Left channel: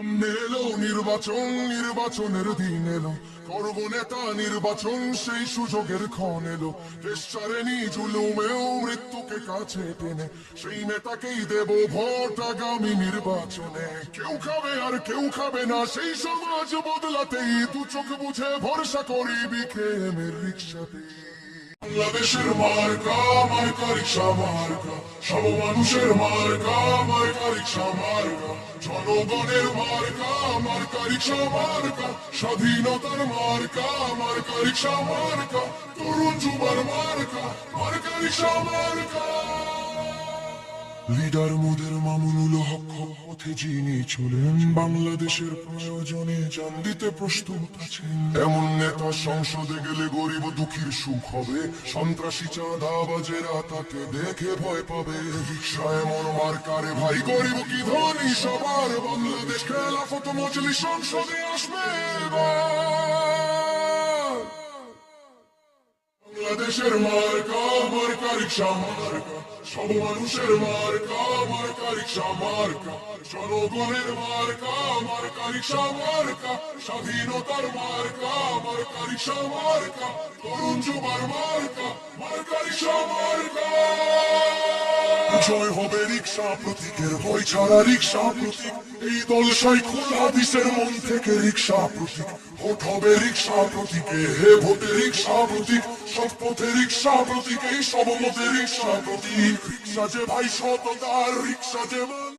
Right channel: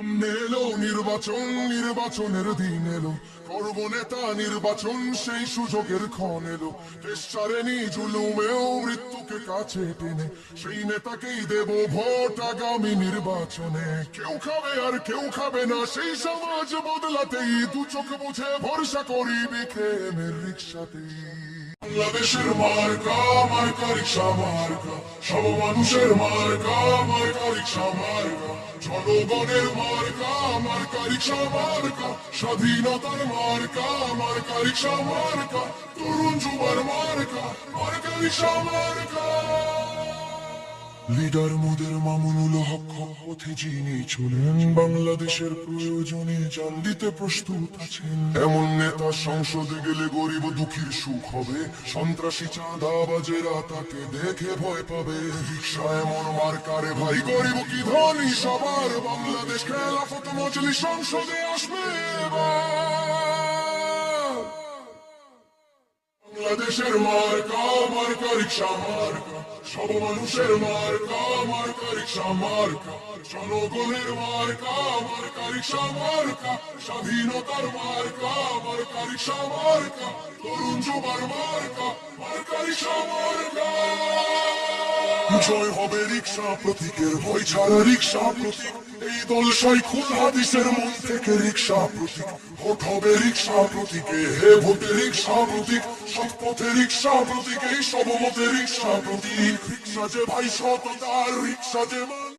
এলো নির্বাচন, নির্বাচনের দিন এলো, করব নেতা নির্বাচন, সেই সুযোগের ক্ষণ এলো। দেশ ছাড়েনি জুলুমেও মৃত্যুকে কাছে টেনে, সেই নেতাকেই দেব ভোট আগামী নির্বাচনে। কেউ খাবে আর কেউ খাবে না, সেই সমাজ বদলাতেই দু চোখ বুঝে ভরসা করি বিকেমের রিক্সাতেই। বাংলাদেশের মার্কা, মার্কা রিক্সা মার্কা, সব মানুষের মার্কা, মার্কা রিক্সা মার্কা, জনগণের মার্কা, মার্কা রিক্সা মার্কা, স্বাধীনতার মার্কা, মার্কা রিক্সা মার্কা, তরুণ যুবার মার্কা, মার্কা রিক্সা মার্কা। লিডার মোদের মামুনুল হক পথে যিনি চলেন, বাংলাদেশের প্রয়োজনে জান দিতে প্রস্তুত আছেন। এমন নেতা সংসদে গেলে গরিব দুঃখীর সুখ হবে, সন্ত্রাসী চাঁদাবাজেরা তাকে দেখে ভয় পাবে। রিক্সা এমন মার্কারে ভাই, গরিব কি ধনী সবার, বাংলাদেশ খেলাফত মজলিস সংসদে আসবে এবার। বাংলাদেশের মার্কা, মার্কা রিক্সা মার্কা, সব মানুষের মার্কা, মার্কা রিক্সা মার্কা, জনগণের মার্কা, মার্কা রিক্সা মার্কা, স্বাধীনতার মার্কা, মার্কা রিক্সা মার্কা, তরুণ যুবার মার্কা, মার্কা রিক্সা মার্কা। জয় হবে রিক্সা প্রতীকের, ভয় ছাড়া রিক্সা প্রতীক, এই দল শাইখুল হাদিসের মন থেকে রিক্সা প্রতীক। ভোট হবে রিক্সা প্রতীকে, হে ভোটে রিক্সা প্রতীক, সব পথে রিক্সা প্রতীক, এই সব মতে রিক্সা প্রতীক। রিক্সা যে ভাই সততার, রিক্সা যে মান।